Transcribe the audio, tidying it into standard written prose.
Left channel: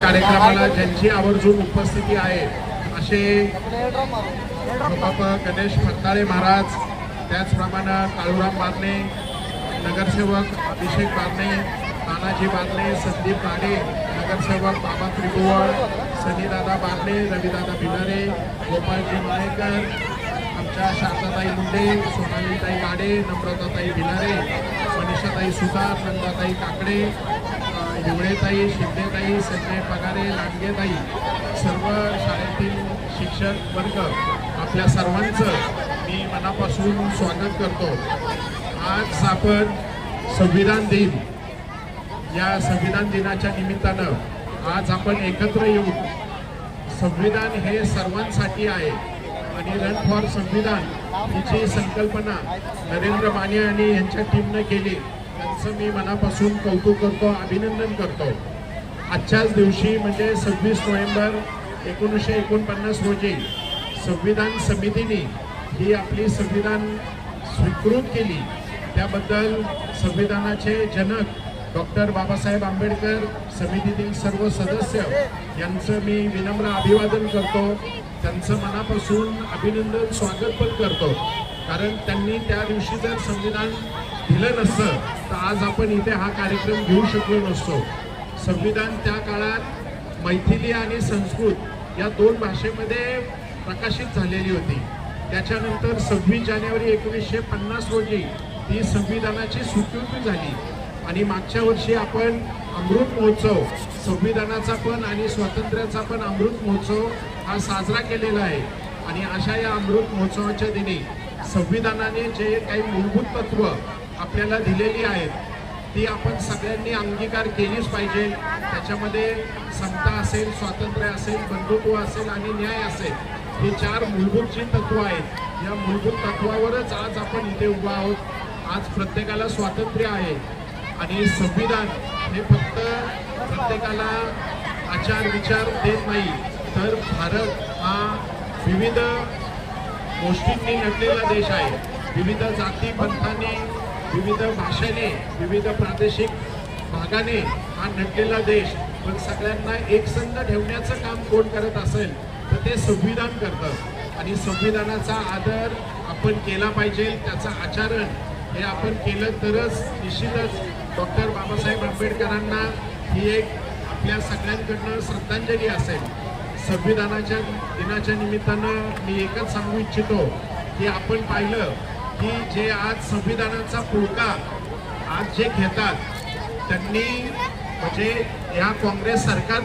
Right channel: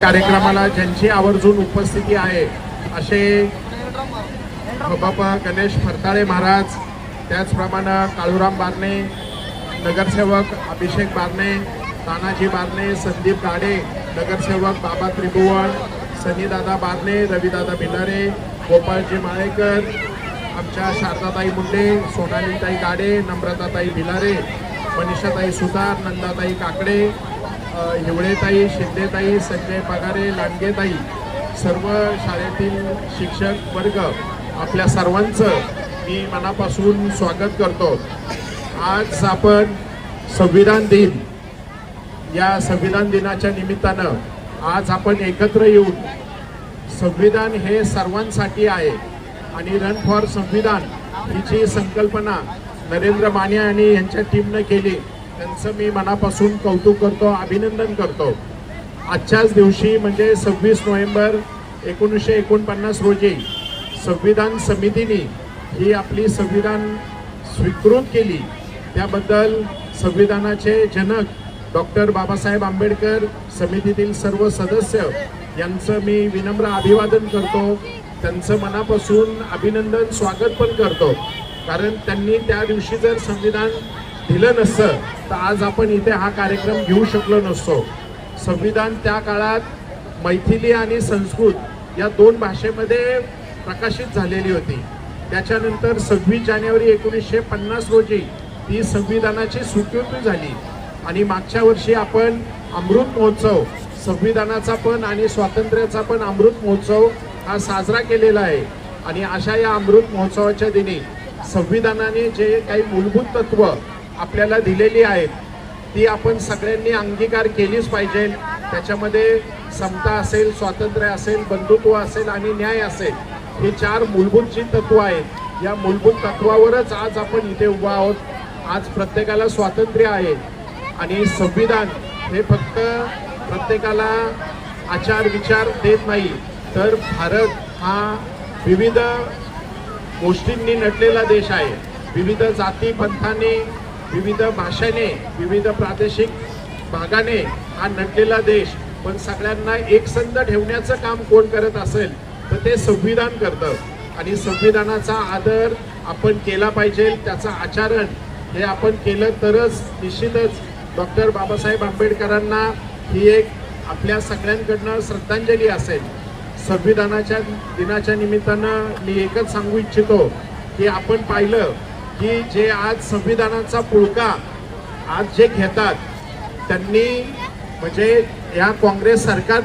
कार्यक्रमाला ज्यांची आवर्जून उपस्थिती आहे असे बाबा गणेश फरताळे महाराज, त्याचप्रमाणे काळूराम बारणे, नगरसेवक अभिषेक बारणे, तानाजी बारणे, संदीप गाडे, नगरसेवक बाबा त्रिभुवन, सनीदादा बारणे, रविदादा भिलारे, गोपाळजी माळेकर, आमच्या शारदाताई मुंडे, सोनालीताई गाडे, नम्रताताई भिलारे, मनीषाताई सुतार, नंदाताई काकडे, हिवळेताई, शिंदेताई, संजय पगारे, लांडगेताई, सर्व शाळेतील शिक्षक वर्ग, आपल्या सर्वांचं मी मनापासून स्वागत करतो. आज आपण संविधान दिन, या संविधान दिनाच्या निमित्तानं आज आपण एकत्र येऊन संविधान हे सर्वांसाठी आहे आणि रन फॉर संविधान ही जी संकल्पना नरेंद्र माने आणि यांच्या टीमनं केली, त्यांचं मी मनापासून कौतुक करतो, अभिनंदन करतो. आजच्याच दिवशी म्हणजे 26 नोव्हेंबर 1949 रोजी संविधान समितीने ही आपली संविधान स्वीकृत केली. त्याबद्दल संविधानाचे जनक डॉक्टर बाबासाहेब आंबेडकर, समितीतील सर्व सदस्य यांचं मी विनम्र अभिवादन करतो. त्यांचं मनापासून अभिनंदन, स्वागत पण करतो. कारण त्यांनी त्या दिवशी जर संविधान दिलं नसतं तर आज आपण इथे हा कार्यक्रम घेऊ शकलो नसतो. संविधान त्या काळात मैथिली आणि संस्कृत या दोन भाषेमध्ये प्रकाशित झालेली होती. त्याच्यानंतर 26 जानेवारी 1950 रोजी ती संविधानाची स्वीकृती झाली आणि मागच्या वर्षी आपण अमृत महोत्सव, संविधानाचा पण आणि स्वातंत्र्याचा पण अमृत महोत्सव हा साजरा केलेला आहे. आणि अशा या अमृत महोत्सवाच्या दिनी संविधानाने जे काही मूलभूत तत्व आपल्याला दिलेली आहेत ती आपण सगळ्यांनी अंगीकार केलीच पाहिजे. त्याच्यामध्ये समता असेल, स्वातंत्र्य असेल, बंधुत्व असेल आणि न्याय असेल, ही 4 मूलभूत जी तत्व आहेत, या मूलभूत तत्वावरच आज आपण इथे उभा आहोत. आज प्रत्येकाला स्वातंत्र्य आहे आणि संविधान हे फक्त प्रत्येकाला आचार विचार देत नाही, तर भारत हा विविध गोष्टींनी नटलेला देश आहे. विविध जाती पंथाने, विविध भाषेने, विविध प्रादेशिक भागाने हा नटलेला देश. पण सगळ्यांना एकसंध ठेवण्याचं काम कोण करत असेल तर ते संविधान करतं आणि संविधानाचा आदर आपण केला पाहिजे. त्याचं आचरण हे आपण केलं तरच निश्चितच डॉक्टर बाबासाहेब आंबेडकरांना ही एक आपल्या सगळ्यांकडनं श्रद्धांजली असेल. संविधानाच्या दिनाच्या निमित्तानं मी एकच सांगू इच्छितो की आपण पाहिलं की जे आज संविधानाचा पुळका आज जे घेतात त्यांनी म्हणजे या काँग्रेस सरकार